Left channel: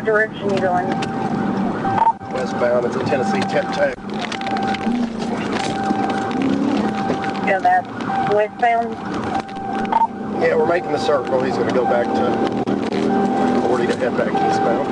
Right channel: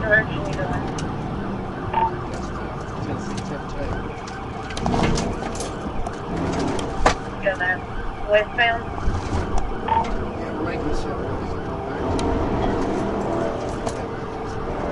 What direction are you going? Westbound, it's a Tennessee tap-tap. And that's westbound? Yeah, we're making the circle. He's going to go back to 40 to head back eastbound.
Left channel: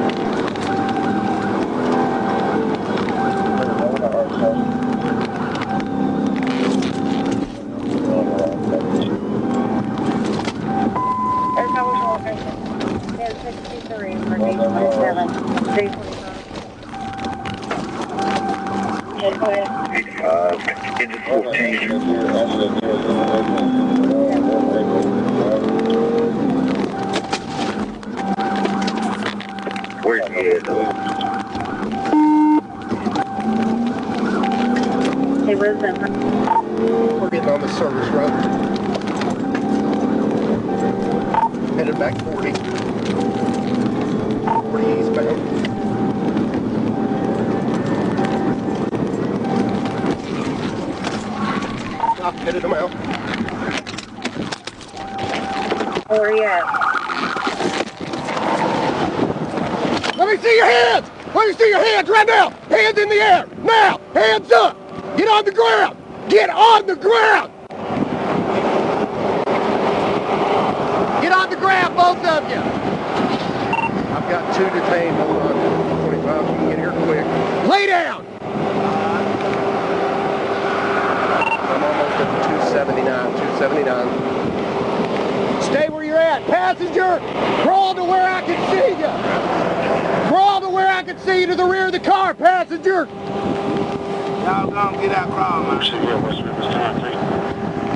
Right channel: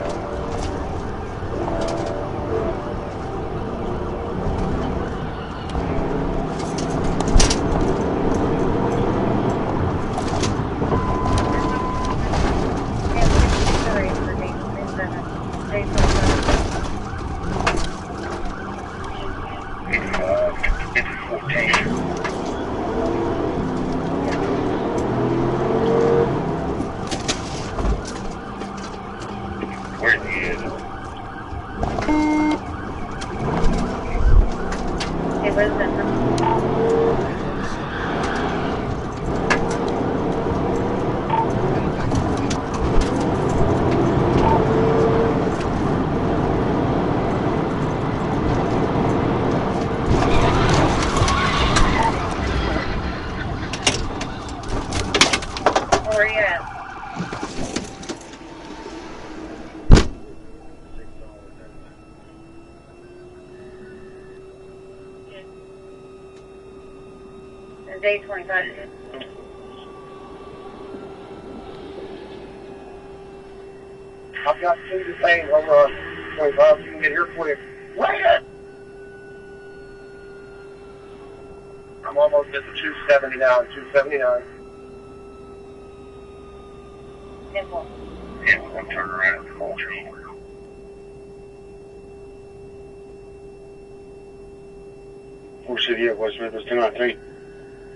We're getting on the service road. Headed back 40. Where are you at? Let me see your hands! Let me see your hands right now! Hands in the air! Now! Hands up! Get on the ground! Get on the ground! Get on the ground, both of you! I've got two detained. Lay down! I'm almost at 279. Stay where you're at. Passenger, crawl to where I can see you. Crawl to where I can see you to the rear of the car, passenger. Y'all gonna get out crawl, man.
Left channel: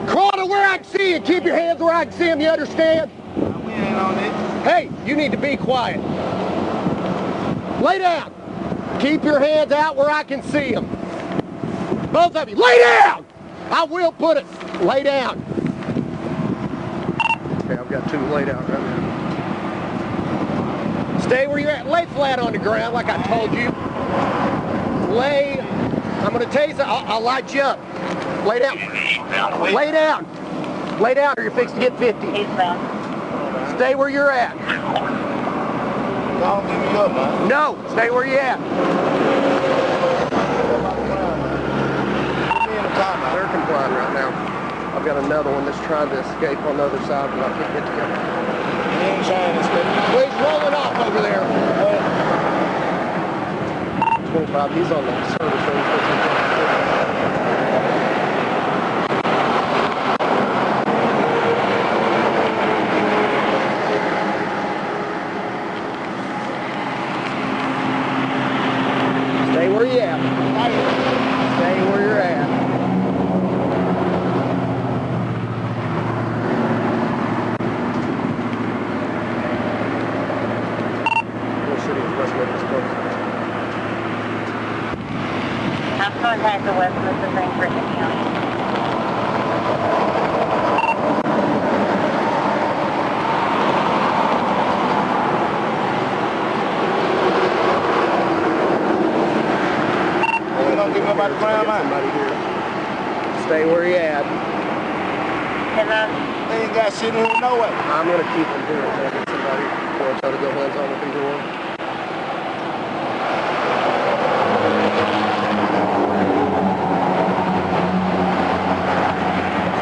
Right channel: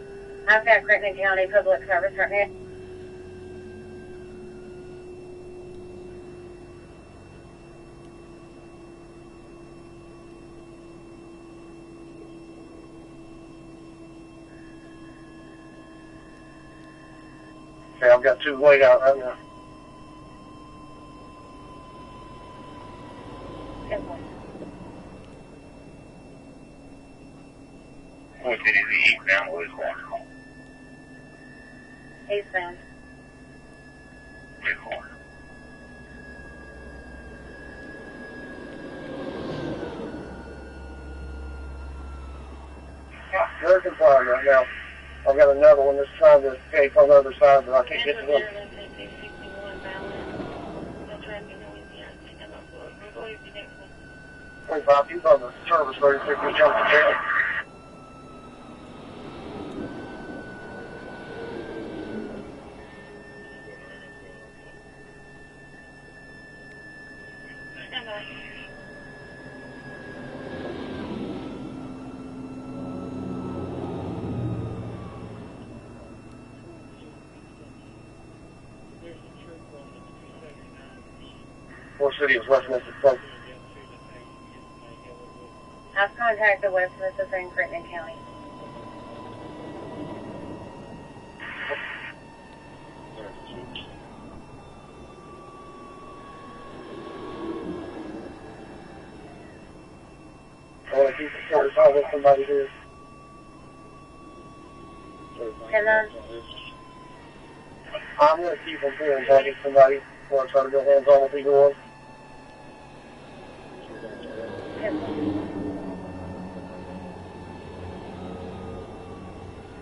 Crawl to where I can see you. Keep your hands where I can see them, you understand? We ain't on it. Hey, you need to be quiet. Lay down. Keep your hands out where I can see them. Both of you, lay down! I will put it. Lay down. Okay, I've got two lay down. Stay where you're at. Lay flat on the ground like I told you. Lay. I'm going to tell you something. I'll light you up. Lay down. Lay down. Lay down or you're fixed to get 50. Stay where you're at. Don't give me up, man. No, stay where you're at. I've got another one that's trying to escape on the other side of the road. Well, he's rolling off over there. 25, he's on the service road. Stay where you at. Stay where you're at. I'm contacting the West Memphis Ranger County. Stay where you at. And They ain't got shit in here no way. I'm going to keep him here.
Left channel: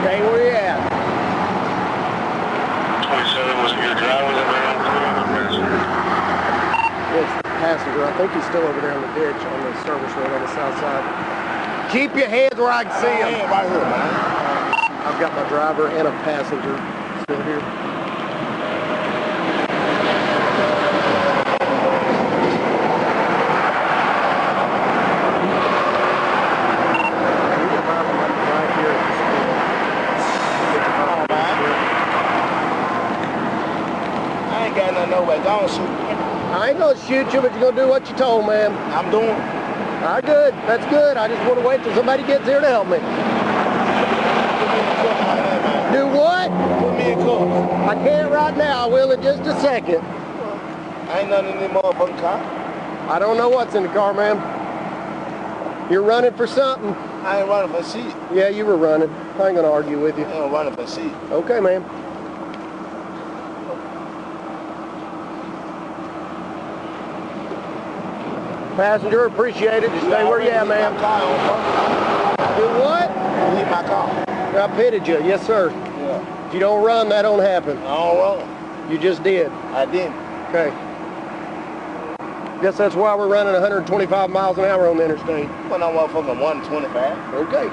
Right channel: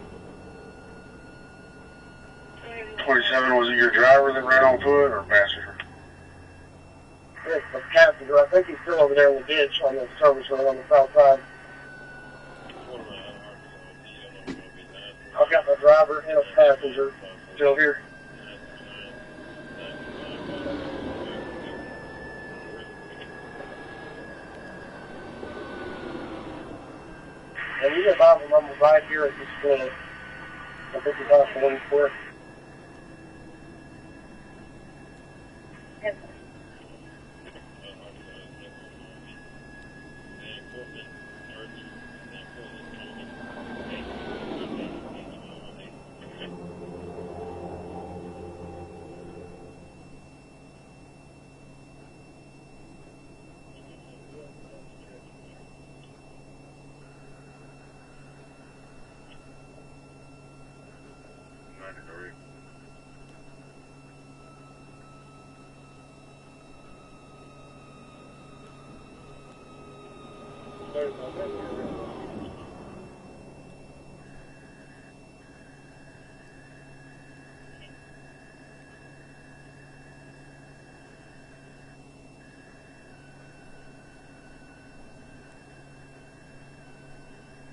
Stay where you at. 27 was your driver, was it right on crew or passenger? It's the passenger. I think he's still over there on the service road on the south side. Keep your hands where I can see them. Right here, man. I've got my driver and a passenger still here over here. I ain't got nothing no way. Go on, shoot. I ain't gonna shoot you, but you're gonna do what you told, man. I'm doing. All right, good. That's good. I just want to wait till somebody gets here to help me. Do what? Put me in court. I can't right now. I will in just a second. I ain't nothing in the motherfucking car. I don't know what's in the car, ma'am. You're running for something. I ain't running for seat. Yeah, you were running. I ain't gonna argue with you. I ain't running for seat. Okay, ma'am. Passenger, appreciate it. Just stay where you at, man. Do what? You hit my car. I pitted you. Yes, sir. Yeah. If you don't run, that don't happen. I don't run. You just did. I didn't. Okay. Guess that's why we're running 125 miles an hour on the interstate. When I'm motherfucking 125. Okay.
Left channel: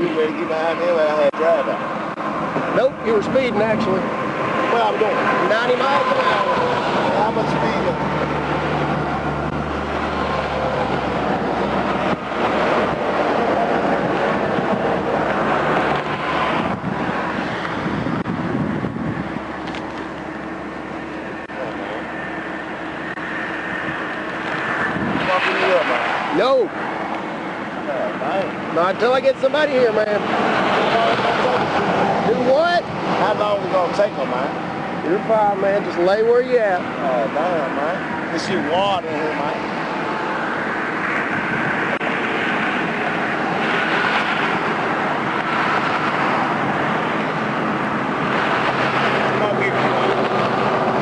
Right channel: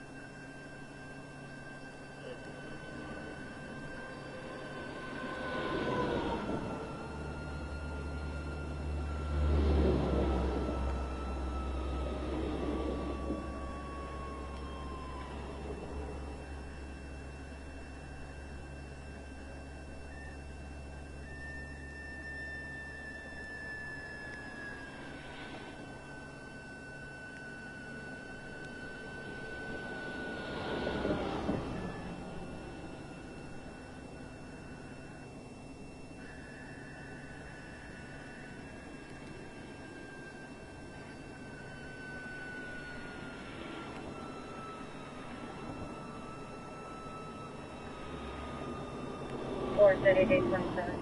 You ready to get behind me when I had drive out? Nope, you were speeding actually. What I'm doing? 90 miles an hour. How much speed? No. Not until I get somebody here, man. Do what? How long is it gonna take them, man? You're fine, man. Just lay where you at. Oh, damn, man. There's see water in here, man.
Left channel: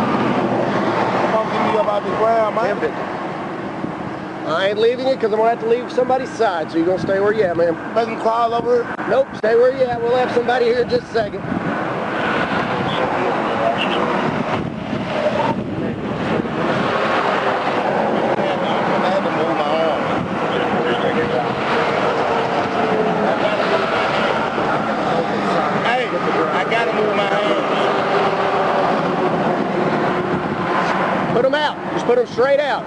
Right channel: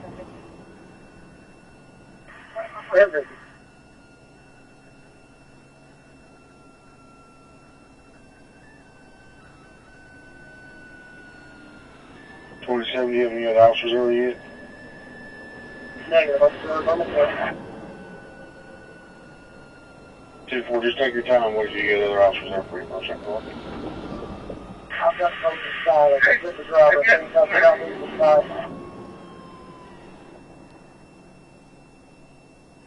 Come on, get me up out the ground, man. I ain't leaving you because I'm going to have to leave somebody's side, so you're going to stay where you at, man. Make them crawl over here. Nope, stay where you at. We'll have somebody here in just a second. I had to move my arm. Hey, I got to move my arm. Put them out. Just put them straight out.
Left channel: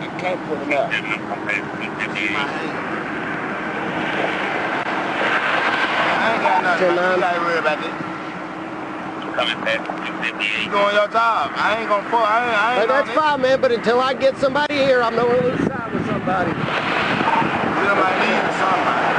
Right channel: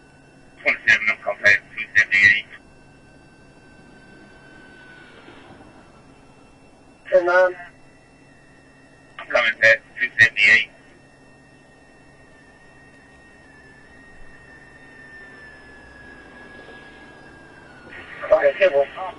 I can't put it up. I ain't got nothing. I'm not worried about this. You doing your job. I ain't gonna pull. I ain't That's fine, man, but until I get somebody here, I'm not going to lose sight with somebody. You might need somebody.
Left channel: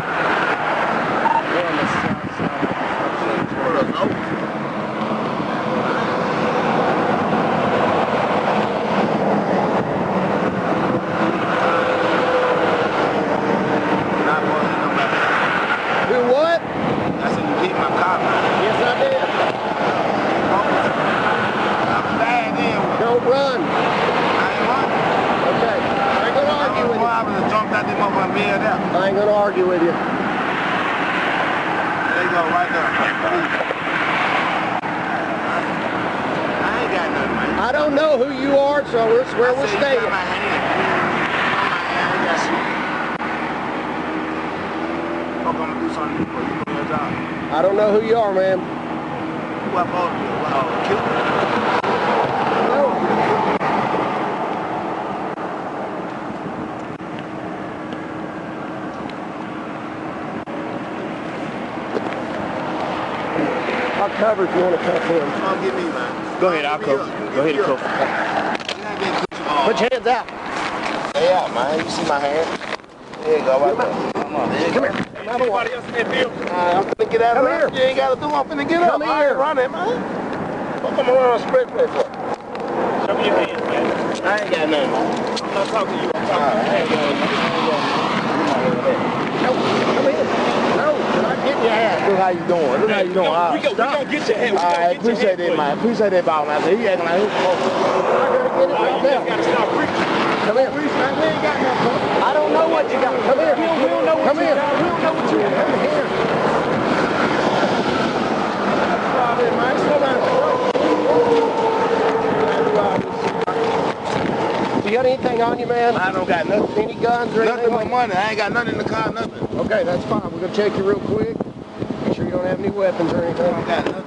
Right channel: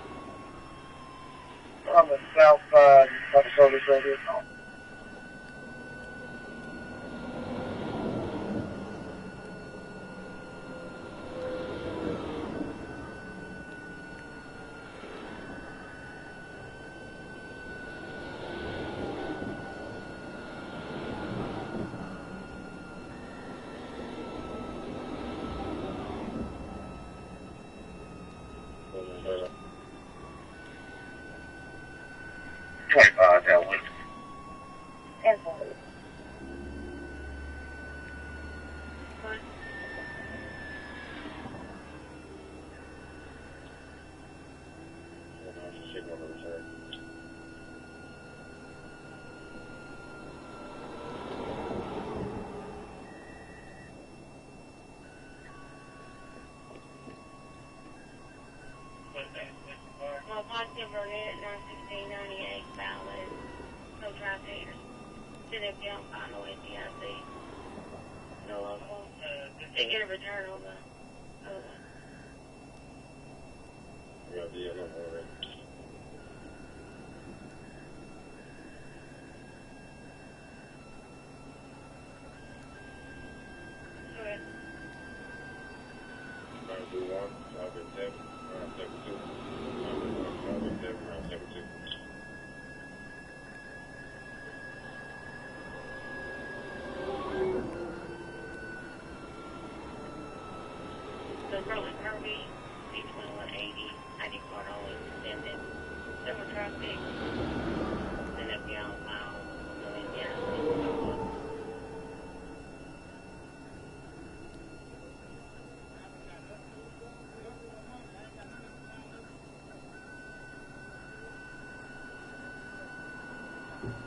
Do what? I said you beat my car, man. Yes, I did. I'm bad then. Don't run. I ain't running. Okay. I ain't going to argue with you. I would have jumped out this motherfucking bed out. I ain't going to argue with you. There you go, right there. I ain't got nothing, man. I don't know who you are, so that's where we're staying. My hand. I got you. I'm gonna do something for you for your job. I don't know who you are, man. What for? Kill me? No. I'll cover if you want to cuff him. Come get me, man. Go ahead, I'll cover. Go ahead and cover. Put your hands out. Stay out, man. You see my hand? There you go, right there. Come on, there you go. Come here. Anybody else in that field? I'm finna get out of Come here. here. You ain't gotta do. I'm finna get Come up. I here. ain't running, man. What am I running on spread play for? Show me your hands, man. I ain't got nothing, man. I'm not talking to you. I'm I talking ain't got nothing. No, come in. No, I'm not getting your ass. Look how you doing. Look how you doing. All we right. gonna get your hand. We All gonna right, get your appreciate hand that, man. Appreciate that, ball, man. He acting like he's supposed to. I gotta get it right You now. gotta stop preaching. Come here. We ain't got nothing. I don't know what you got. Come here. We don't know what Come you here. got. We don't know what you got. Come here. Stop it, man. Slow down. You got anything on you, man? I don't got nothing. Any guns or Nothing anything? but money. I ain't got nothing in the car, nothing. Okay, that's fine. We're gonna check you real quick. Make sure you don't have any weapons or I anything. don't got nothing.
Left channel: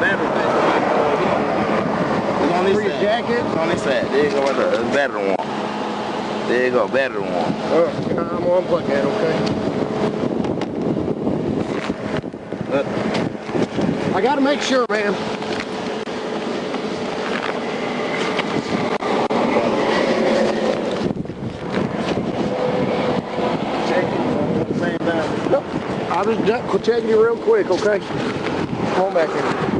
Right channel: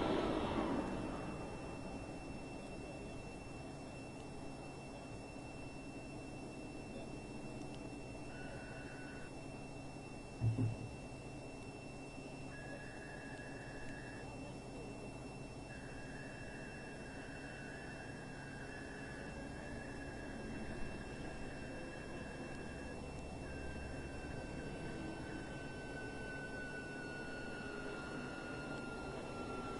Battery pack. It's on this For your side. jacket? It's on this side. There you go, right there. It's battery one. There you go, battery one. I'm gonna unplug that, okay? I gotta make sure, man. Check it. At the same time. Nope. I'll just check you real quick, okay? Come on back here.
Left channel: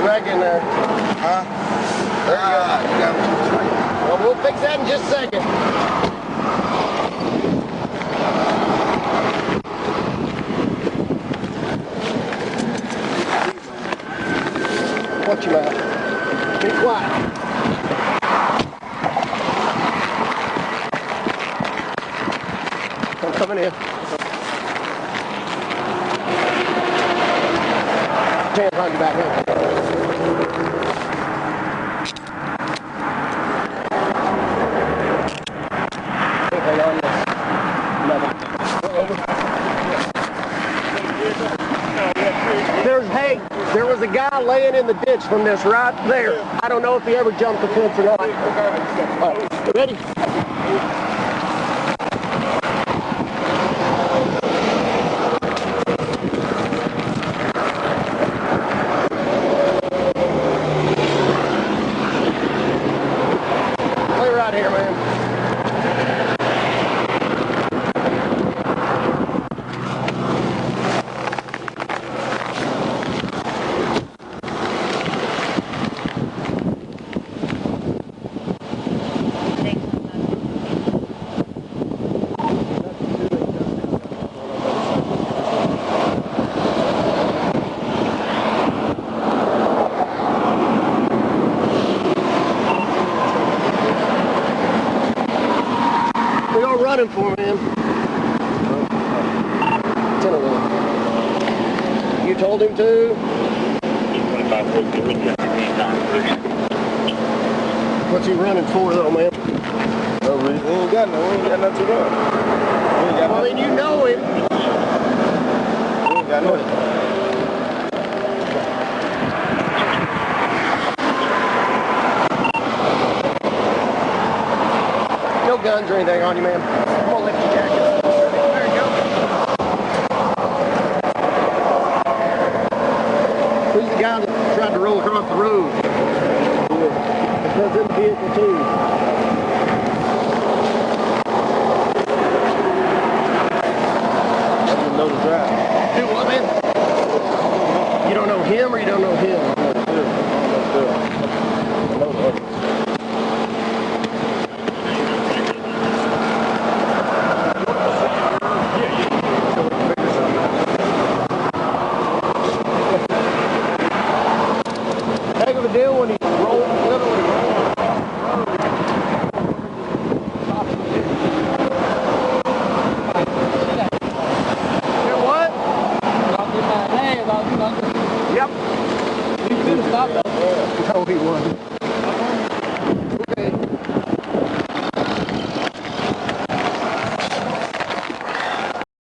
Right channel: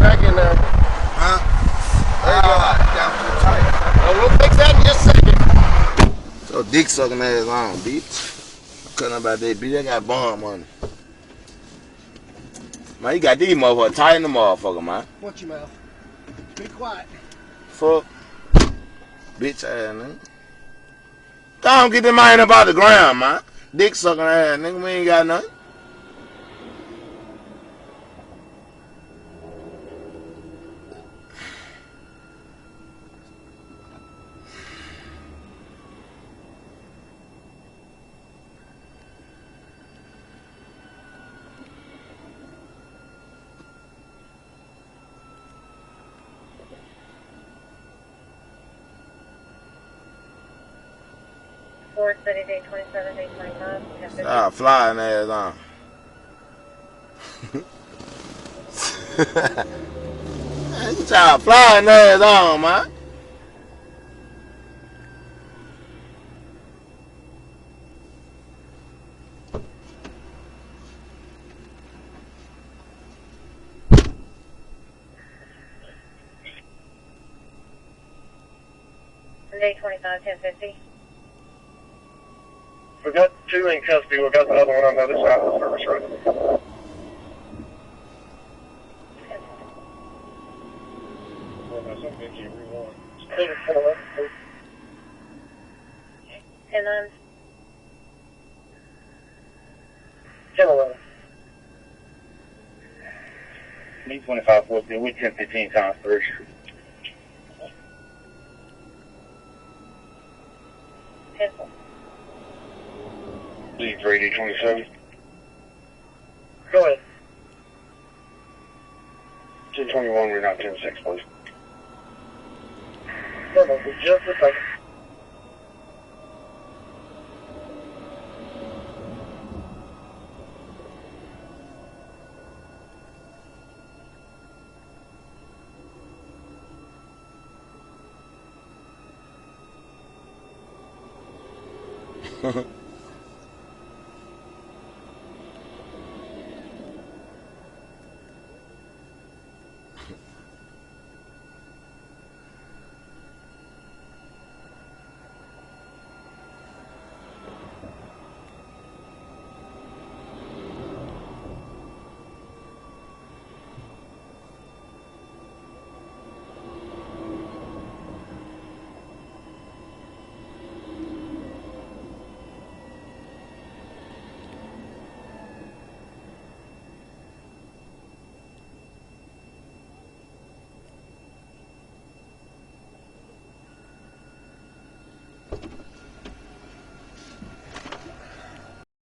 Back in there. Huh? got these motherfuckers tight in the motherfucker. Watch your mouth. Be quiet. Fuck. Don't get them man up out the ground, man. Coming in. Dick sucking ass, nigga. We ain't got nothing. Hands behind your back, man. Hang on this. Nothing. There was a guy laying in the ditch from this right there. I don't know if he ever jumped the fence or not. Ready? Oh, flying there, huh? Flying ass on, man. Play right here, man. We got the 2 in custody. We got the other one on the other side of the street. We're all running for him. You told him to? What's he running for, though, man? No reason. We ain't got nothing to run. I mean, you know it. We ain't got nothing. No guns or anything on you, man. I'm gonna lift your jacket. There you go. Who's the guy that tried to roll across the road? It was in the vehicle, too. Know the drive. Do what, man? You don't know him or you don't know him? Heck of a deal when he rolled, literally Yep. You could have stopped that. No, he wasn't.